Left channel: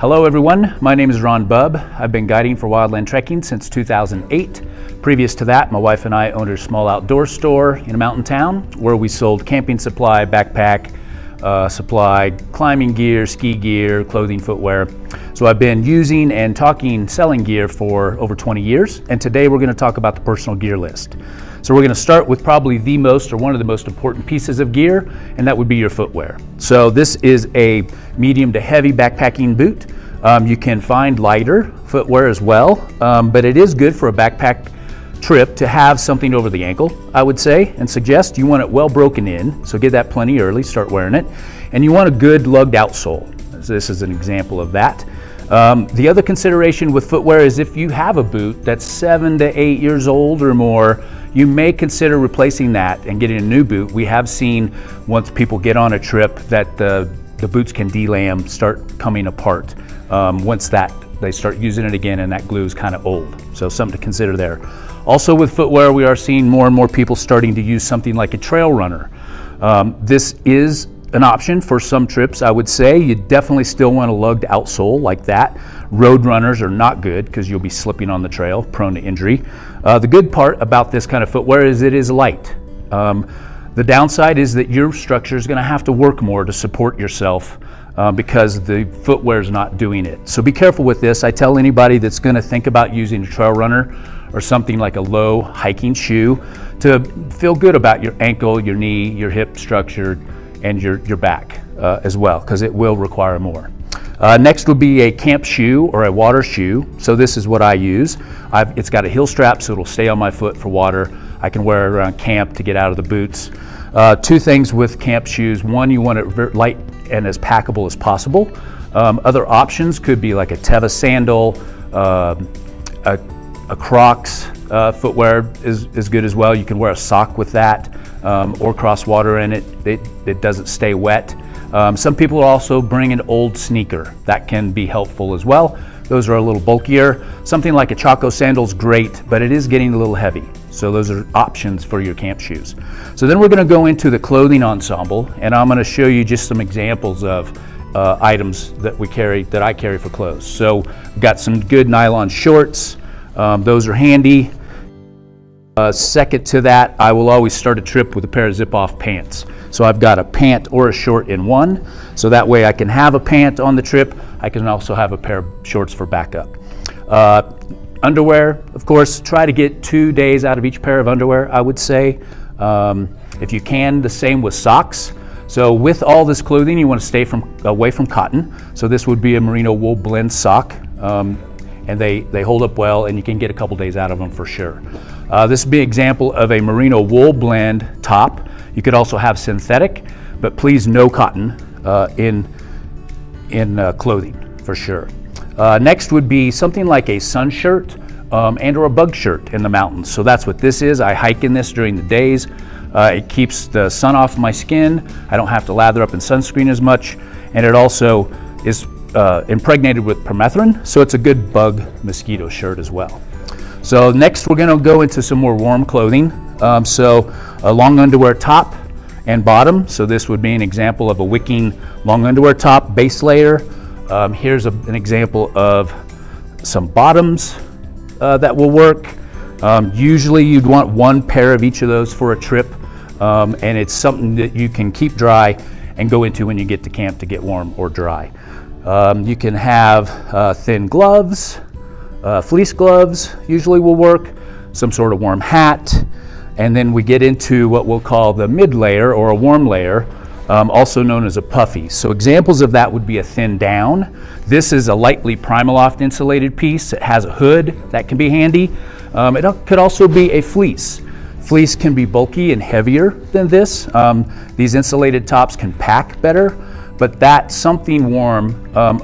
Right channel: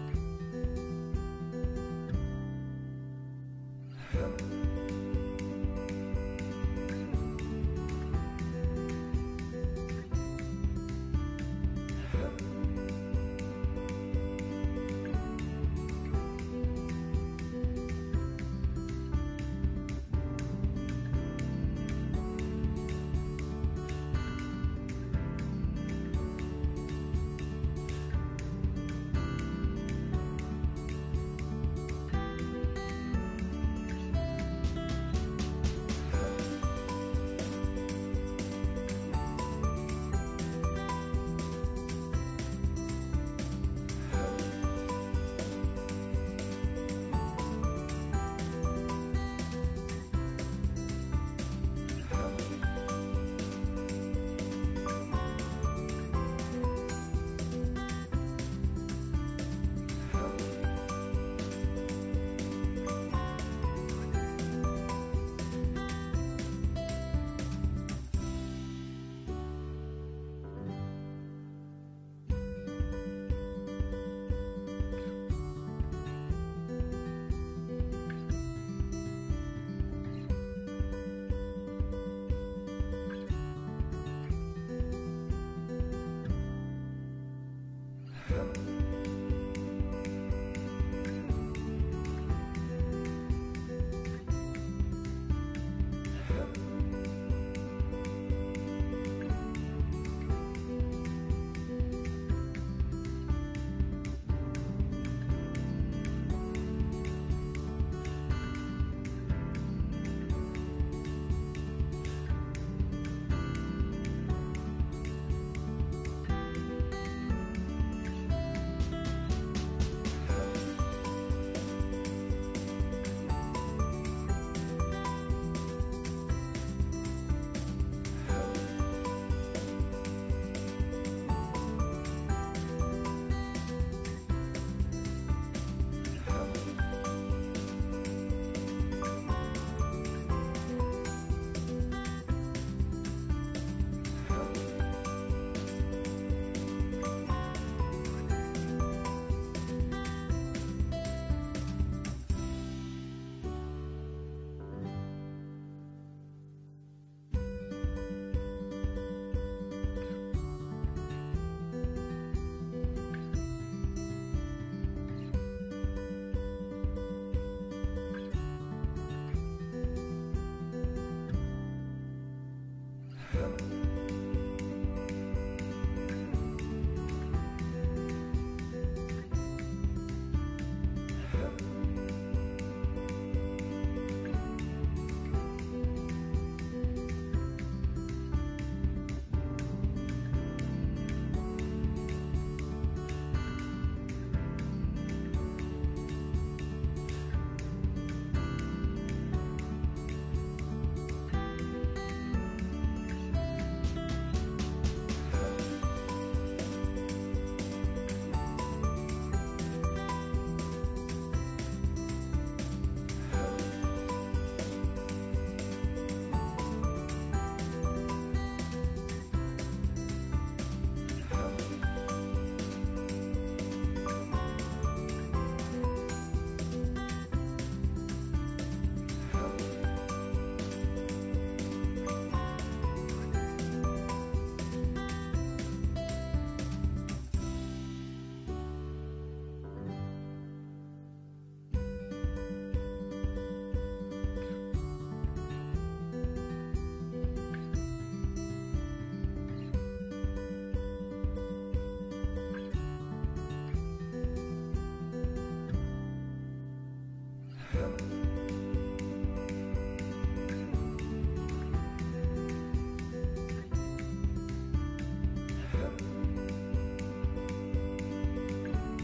Hello everyone, my name is Bubb. I've been guiding for Wildland Trekking since 2008. Previous to that, my wife and I owned a small outdoor store in a mountain town where we sold camping supply, backpack supply, climbing gear, ski gear, clothing, footwear. So I've been using and selling gear for over 20 years, and today we're going to talk about the personal gear list. So we're going to start with probably one of the most important pieces of gear, and that would be your footwear. So this is a medium to heavy backpacking boot. You can find lighter footwear as well, but it is good for a backpack trip to have something over the ankle, I would say, and suggest. You want it well broken in, so get that plenty early, start wearing it. And you want a good lugged outsole. So this is an example of that. The other consideration with footwear is if you have a boot that's 7 to 8 years old or more, you may consider replacing that and getting a new boot. We have seen once people get on a trip that the boots can delam, start coming apart once they start using it again and that glue is kind of old. So something to consider there. Also with footwear, we are seeing more and more people starting to use something like a trail runner. This is an option for some trips, I would say. You definitely still want a lugged outsole like that. Road runners are not good because you'll be slipping on the trail, prone to injury. The good part about this kind of footwear is it is light. The downside is that your structure is going to have to work more to support yourself because the footwear is not doing it. So be careful with this. I tell anybody that's going to think about using a trail runner or something like a low hiking shoe to feel good about your ankle, your knee, your hip structure, and your back as well, because it will require more. Next would be a camp shoe or a water shoe. So this is what I use. It's got a heel strap, so it'll stay on my foot for water. I can wear it around camp to get out of the boots. Two things with camp shoes. One, you want it very light and as packable as possible. Other options could be like a Teva sandal, a Crocs footwear is good as well. You can wear a sock with that or cross water in it. It doesn't stay wet. Some people also bring an old sneaker. That can be helpful as well. Those are a little bulkier. Something like a Chaco sandal is great, but it is getting a little heavy. So those are options for your camp shoes. So then we're going to go into the clothing ensemble, and I'm going to show you just some examples of items that I carry for clothes. So we've got some good nylon shorts. Those are handy. Second to that, I will always start a trip with a pair of zip-off pants. So I've got a pant or a short in one, so that way I can have a pant on the trip. I can also have a pair of shorts for backup. Underwear, of course, try to get 2 days out of each pair of underwear, I would say. If you can, the same with socks. So with all this clothing, you want to stay away from cotton. So this would be a merino wool blend sock, and they hold up well, and you can get a couple days out of them for sure. This would be an example of a merino wool blend top. You could also have synthetic, but please no cotton in clothing for sure. Next would be something like a sun shirt and or a bug shirt in the mountains. So that's what this is. I hike in this during the days. It keeps the sun off my skin. I don't have to lather up in sunscreen as much, and it also is impregnated with permethrin, so it's a good bug mosquito shirt as well. So next we're going to go into some more warm clothing. So a long underwear top and bottom. So this would be an example of a wicking long underwear top base layer. Here's an example of some bottoms that will work. Usually you'd want one pair of each of those for a trip, and it's something that you can keep dry and go into when you get to camp to get warm or dry. You can have thin gloves, fleece gloves usually will work, some sort of warm hat, and then we get into what we'll call the mid layer or a warm layer, also known as a puffy. So examples of that would be a thin down. This is a lightly Primaloft insulated piece. It has a hood that can be handy. It could also be a fleece. Fleece can be bulky and heavier than this. These insulated tops can pack better, but that something warm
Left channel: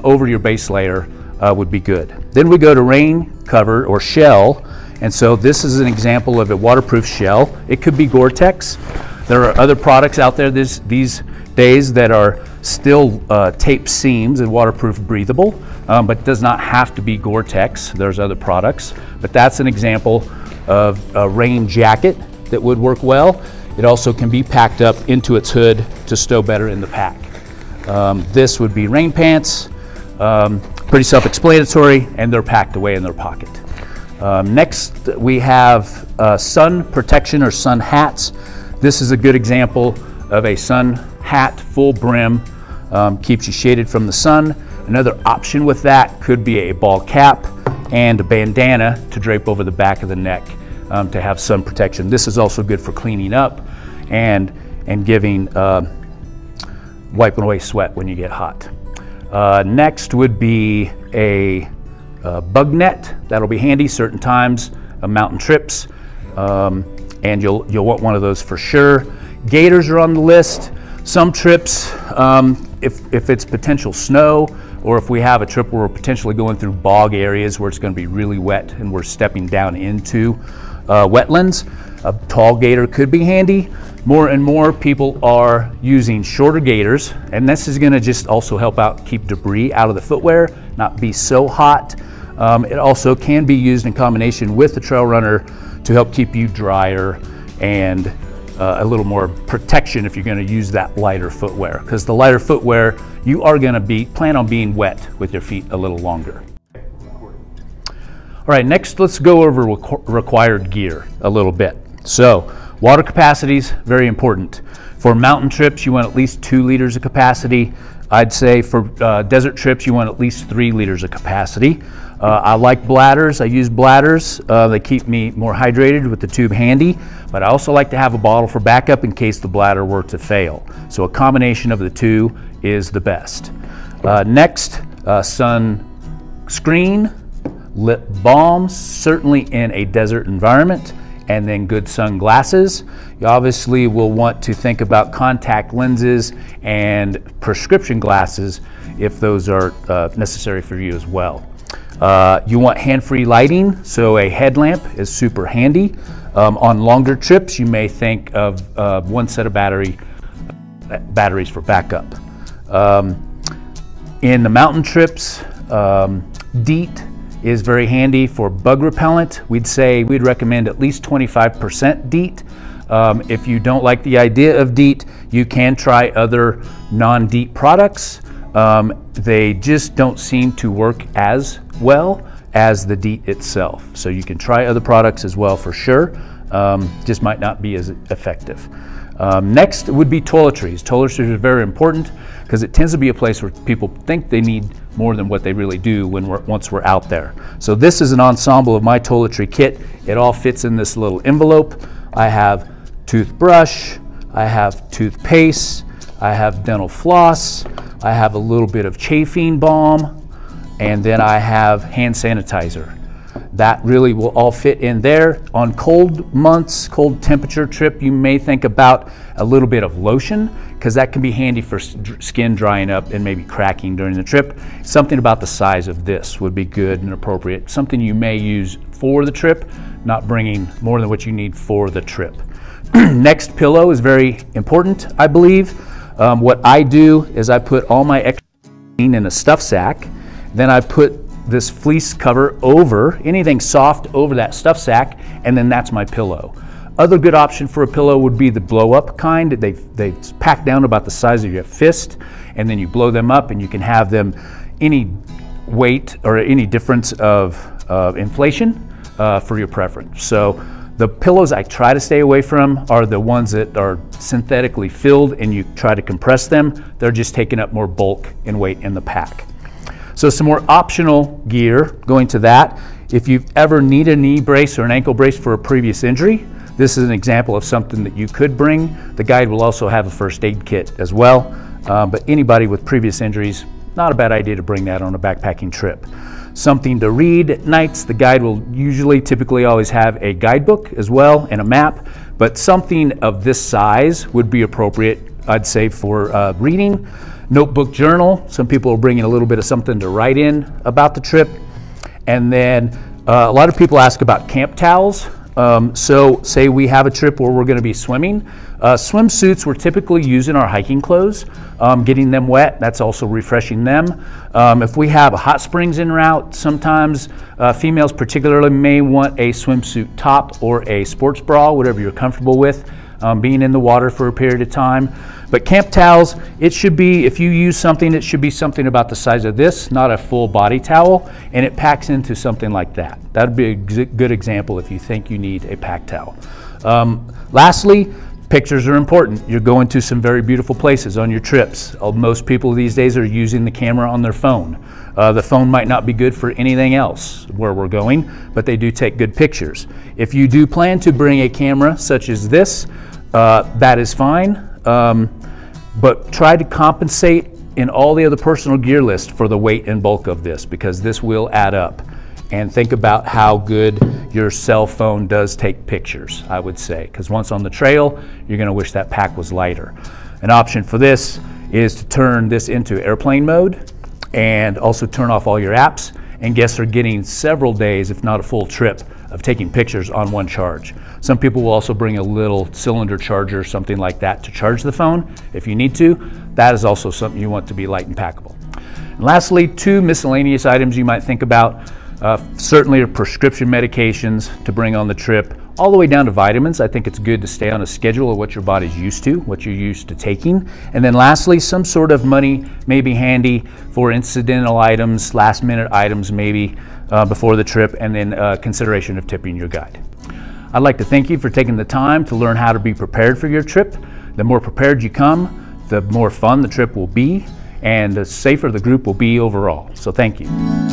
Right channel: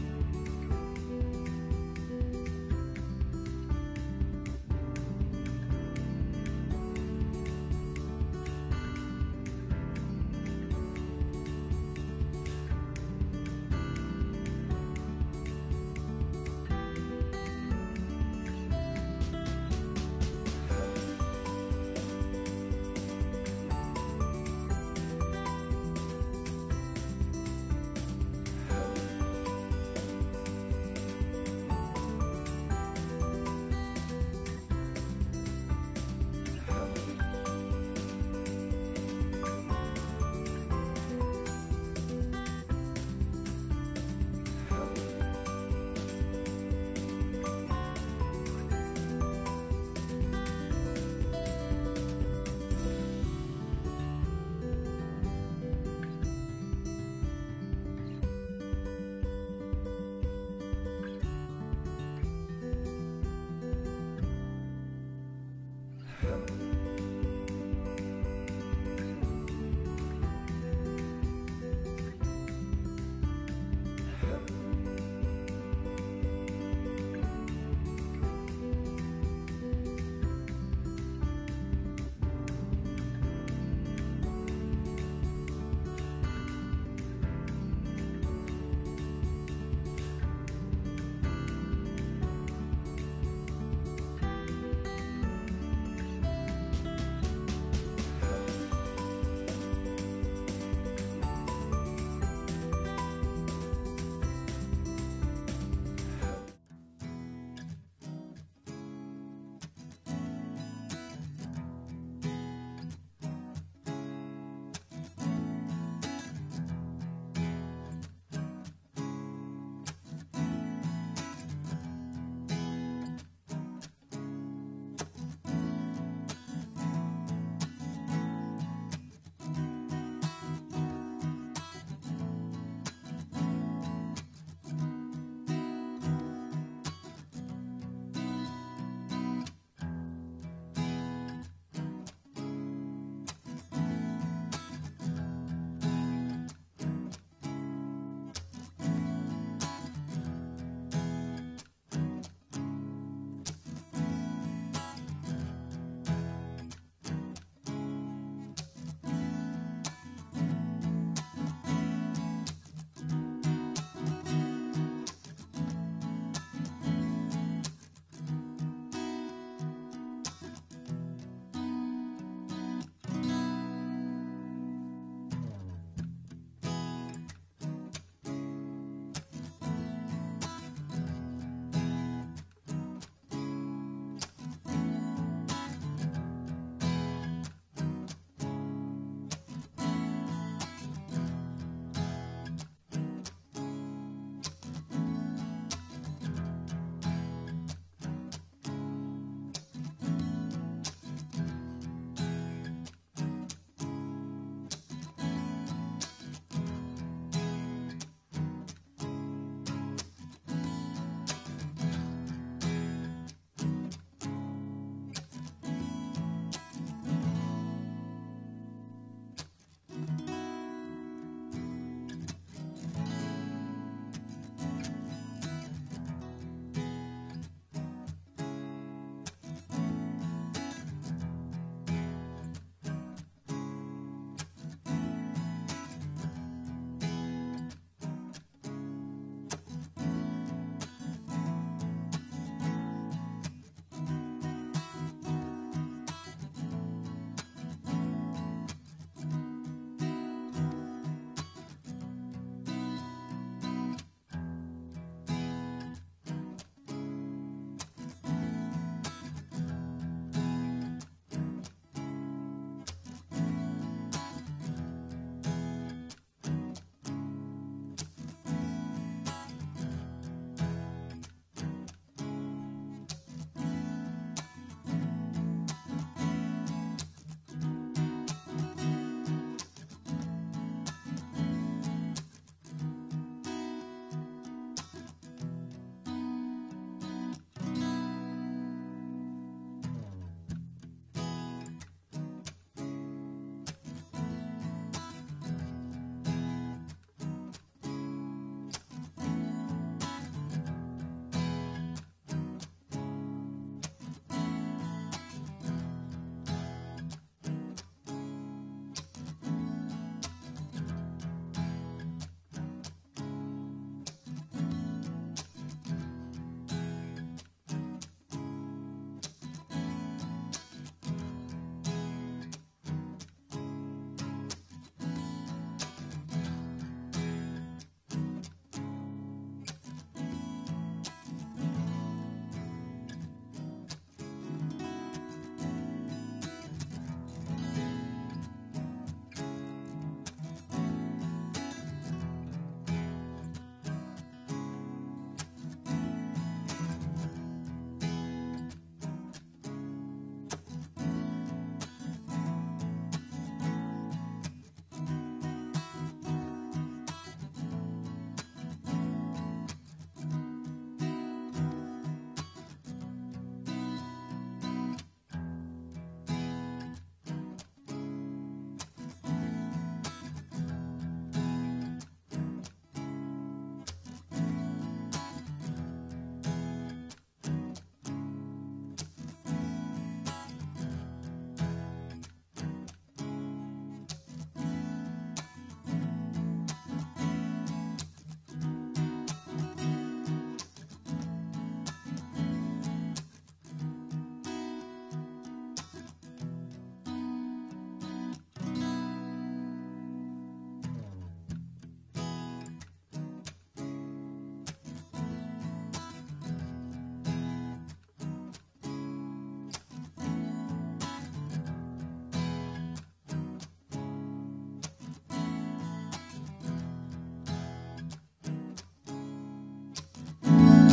over your base layer would be good. Then we go to rain cover or shell, and so this is an example of a waterproof shell. It could be Gore-Tex. There are other products out there these days that are still tape seams and waterproof breathable, but does not have to be Gore-Tex. There's other products, but that's an example of a rain jacket that would work well. It also can be packed up into its hood to stow better in the pack. This would be rain pants. Pretty self-explanatory, and they're packed away in their pocket. Next, we have sun protection or sun hats. This is a good example of a sun hat, full brim, keeps you shaded from the sun. Another option with that could be a ball cap and a bandana to drape over the back of the neck to have sun protection. This is also good for cleaning up and giving, wiping away sweat when you get hot. Next would be a bug net. That'll be handy certain times, mountain trips, and you'll want one of those for sure. Gaiters are on the list. Some trips, if it's potential snow, or if we have a trip where we're potentially going through bog areas where it's going to be really wet and we're stepping down into wetlands, a tall gaiter could be handy. More and more people are using shorter gaiters, and this is going to just also help out keep debris out of the footwear, not be so hot. It also can be used in combination with the trail runner to help keep you drier and a little more protection if you're going to use that lighter footwear, because the lighter footwear, you are going to plan on being wet with your feet a little longer. All right, next let's go over required gear a little bit. So water capacity is very important. For mountain trips, you want at least 2 liters of capacity. I'd say for desert trips, you want at least 3 liters of capacity. I like bladders. I use bladders. They keep me more hydrated with the tube handy, but I also like to have a bottle for backup in case the bladder were to fail. So a combination of the two is the best. Next, sun screen, lip balm, certainly in a desert environment, and then good sunglasses. You obviously will want to think about contact lenses and prescription glasses if those are necessary for you as well. You want hand-free lighting, so a headlamp is super handy. On longer trips, you may think of one set of batteries for backup. In the mountain trips, DEET is very handy for bug repellent. We'd recommend at least 25% DEET. If you don't like the idea of DEET, you can try other non-DEET products. They just don't seem to work as well as the DEET itself. So you can try other products as well for sure, just might not be as effective. Next would be toiletries. Toiletries are very important because it tends to be a place where people think they need more than what they really do once we're out there. So this is an ensemble of my toiletry kit. It all fits in this little envelope. I have toothbrush, I have toothpaste, I have dental floss, I have a little bit of chafing balm, and then I have hand sanitizer. That really will all fit in there. On cold months, cold temperature trip, you may think about a little bit of lotion, because that can be handy for skin drying up and maybe cracking during the trip. Something about the size of this would be good and appropriate. Something you may use for the trip, not bringing more than what you need for the trip. Next, pillow is very important, I believe. What I do is I put all my extra in a stuff sack, then I put this fleece cover over, anything soft over that stuff sack, and then that's my pillow. Other good option for a pillow would be the blow-up kind. They pack down about the size of your fist, and then you blow them up, and you can have them any weight or any difference of inflation for your preference. So the pillows I try to stay away from are the ones that are synthetically filled and you try to compress them. They're just taking up more bulk and weight in the pack. So some more optional gear going to that. If you've ever needed a knee brace or an ankle brace for a previous injury, this is an example of something that you could bring. The guide will also have a first aid kit as well. But anybody with previous injuries, not a bad idea to bring that on a backpacking trip. Something to read at nights. The guide will typically always have a guidebook as well and a map, but something of this size would be appropriate, I'd say, for reading. Notebook, journal. Some people are bringing a little bit of something to write in about the trip. And then a lot of people ask about camp towels. So say we have a trip where we're going to be swimming. Swimsuits we're typically using our hiking clothes, getting them wet. That's also refreshing them. If we have a hot springs en route, sometimes females particularly may want a swimsuit top or a sports bra, whatever you're comfortable with, being in the water for a period of time. But camp towels, it should be, if you use something, it should be something about the size of this, not a full body towel, and it packs into something like that. That'd be a good example if you think you need a pack towel. Lastly, pictures are important. You're going to some very beautiful places on your trips. Most people these days are using the camera on their phone. The phone might not be good for anything else where we're going, but they do take good pictures. If you do plan to bring a camera such as this, that is fine, but try to compensate in all the other personal gear list for the weight and bulk of this, because this will add up. And think about how good your cell phone does take pictures, I would say, because once on the trail, you're going to wish that pack was lighter. An option for this is to turn this into airplane mode and also turn off all your apps, and guests are getting several days, if not a full trip, of taking pictures on one charge. Some people will also bring a little cylinder charger or something like that to charge the phone if you need to. That is also something you want to be light and packable. And lastly, 2 miscellaneous items you might think about. Certainly are prescription medications to bring on the trip, all the way down to vitamins. I think it's good to stay on a schedule of what your body's used to, what you're used to taking. And then lastly, some sort of money may be handy for incidental items, last minute items maybe before the trip, and then consideration of tipping your guide. I'd like to thank you for taking the time to learn how to be prepared for your trip. The more prepared you come, the more fun the trip will be, and the safer the group will be overall. So thank you.